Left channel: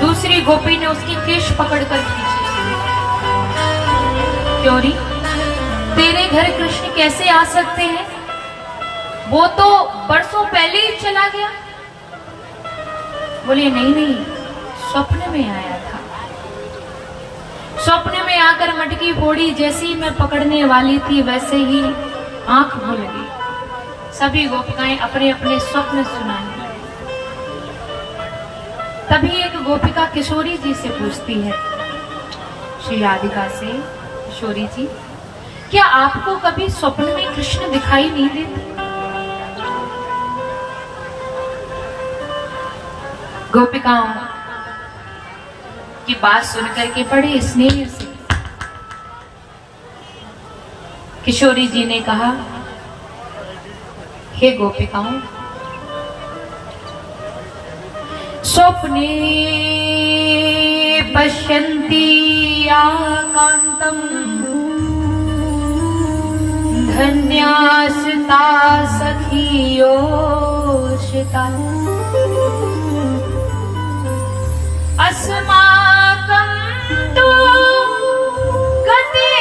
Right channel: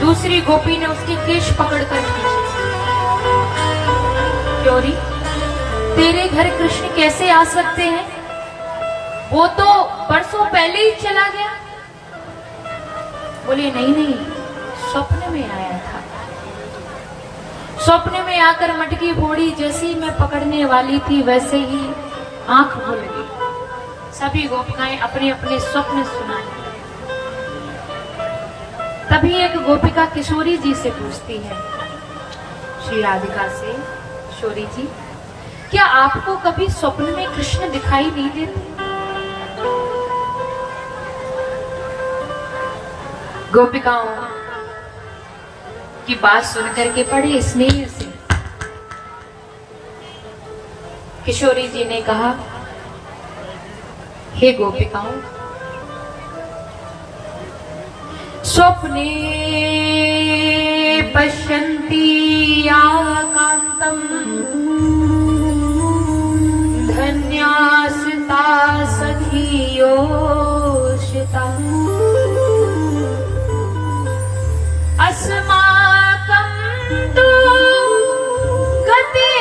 दूसरी गोपी ने उसकी केश पकड़कर खींची। क्यों तेरे घर कृष्ण कैसे आ सकते हैं? वो तो बरसों पहले ही चला गया। बोले नहीं नहीं, स्वप्न में आया था। स्वप्न में आकर मटकी फोड़ी, जैसे ही मैं पकड़ने वाली थी वैसे ही आंख खुल गई। सभी गोपिकाएं अपने अपने स्वप्न सुनाने लगी। तभी एक गोपिका किशोरी जी से पूछती है, श्री राधिका से, किशोरी जी क्या आपको कभी स्वप्न में कृष्ण दिखाई नहीं देते? गोपिकाओं की बात सुनकर के बड़े स्नेह से किशोरी जी ने कहा, हे गोपिकाओं, स्वप्ने पश्यन्ति आकांतम धन्यास्ता सखियोषिता। अस्माकं तु गते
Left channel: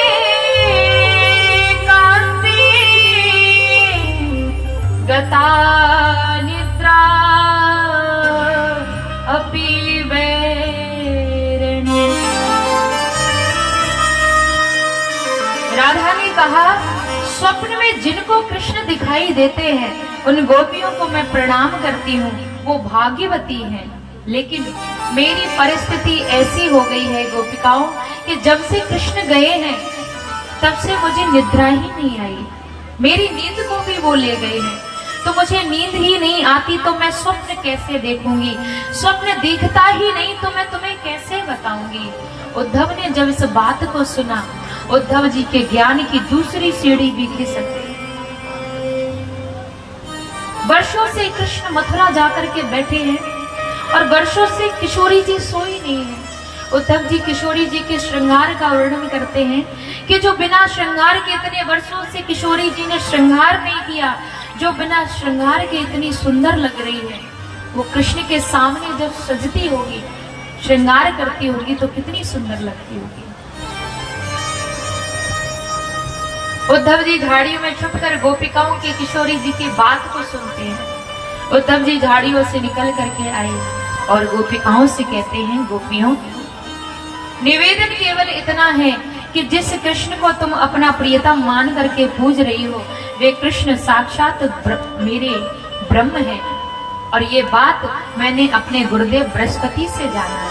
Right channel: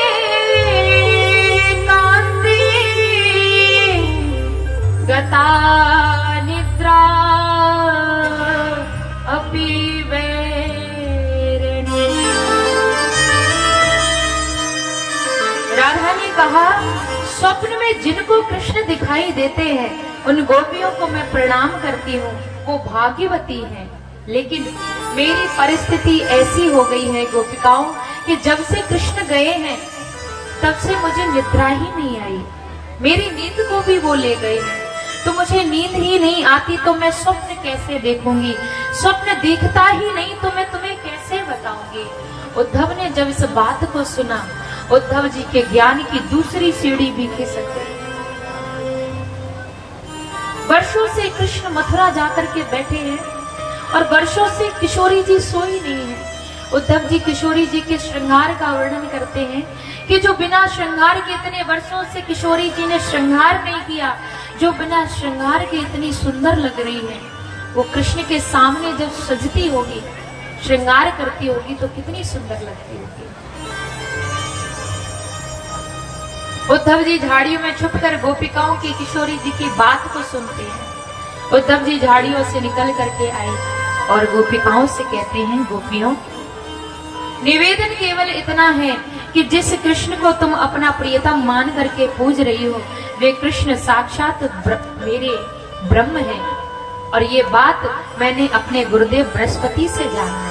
कान्ते गता निद्रा अपि वैरिणी। राधा ने कहा, स्वप्न में जिनको कृष्ण दिखाई देते हैं उन गोपियों को मैं प्रणाम करती हूँ, वो भाग्यवती हैं। लेकिन मेरी परिस्थिति ऐसी हो गई है गोपिकाओं कि जब से कृष्ण गए हैं तब से मुझे निद्रा ही नहीं आई। मेरी नींद को भी वो ले गए हैं, तो मुझे नींद ही नहीं आती तो मैं स्वप्न कैसे देखूंगी? स्वप्न दिखता ही नहीं तो मैं तुम्हें कैसे बताऊंगी? उद्धव ने जब इस बात को सुना, उद्धव जी के ज्ञान की दूसरी सीढ़ी भी खिसक गई। वर्षों से कृष्ण मथुरा जाकर के बैठे हैं और वर्षों से किशोरी जी सोई नहीं है। उद्धव जी किशोरी जी के श्रृंगार का वर्णन करते हैं कि जो बिना श्रृंगार के इतने वर्षों से किशोरी जी ने श्रृंगार नहीं किया, जो बिना श्रृंगार के इतनी सुंदर लग रही है, वो कृष्ण के सामने जब सजती होगी, श्रृंगार करती होगी तो कितनी सुंदर लगती होगी। उद्धव जी झाड़ियों में छुपकर गोपिकाओं की किशोरी जी की बात को सुनते हैं। उद्धव जी झाड़ियों से निकल करके आए और गोपिकाओं से कहते हैं, गोपियों, निवेदन केवल इतना है कि जिस कृष्ण को तुम अपना प्रियतम मान करके पूज रही हो, वे कृष्ण साक्षात मेरे ब्रह्म है। और ये बात मैंने अपने गुरुदेव बृहस्पति से जाना है।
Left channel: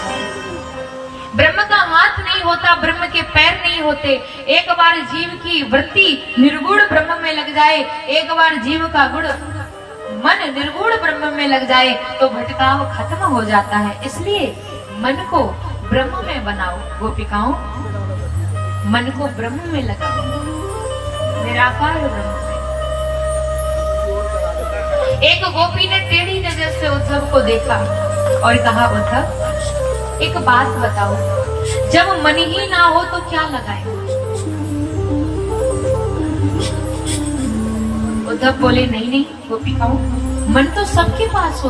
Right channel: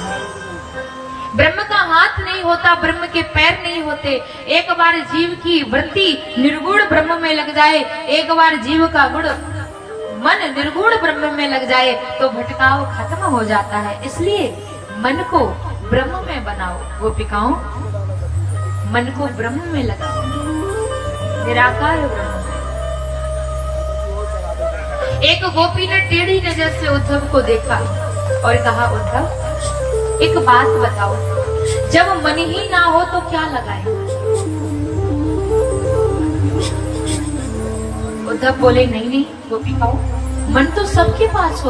ब्रह्म का हाथ नहीं होता, ब्रह्म के पैर नहीं होते। एक बार जीव की वृत्ति निर्गुण ब्रह्म में लग जाए, एक बार जीव का गुण मन निर्गुण ब्रह्म में लग जाए तो भटकाव खत्म हो जाता है। इसलिए मन को ब्रह्म में बनाओ। गोपिकाओं, मन को ब्रह्म में लगाओ, निराकार ब्रह्म में। एक गोपी ने टेढ़ी नजर से उद्धव को देखा और कहा, उद्धव एक बात बताओ, जब मन ही ना हो तो क्या लगाए? उद्धव बोले, नहीं नहीं गोपिकाओं, मन तो सबके पास होता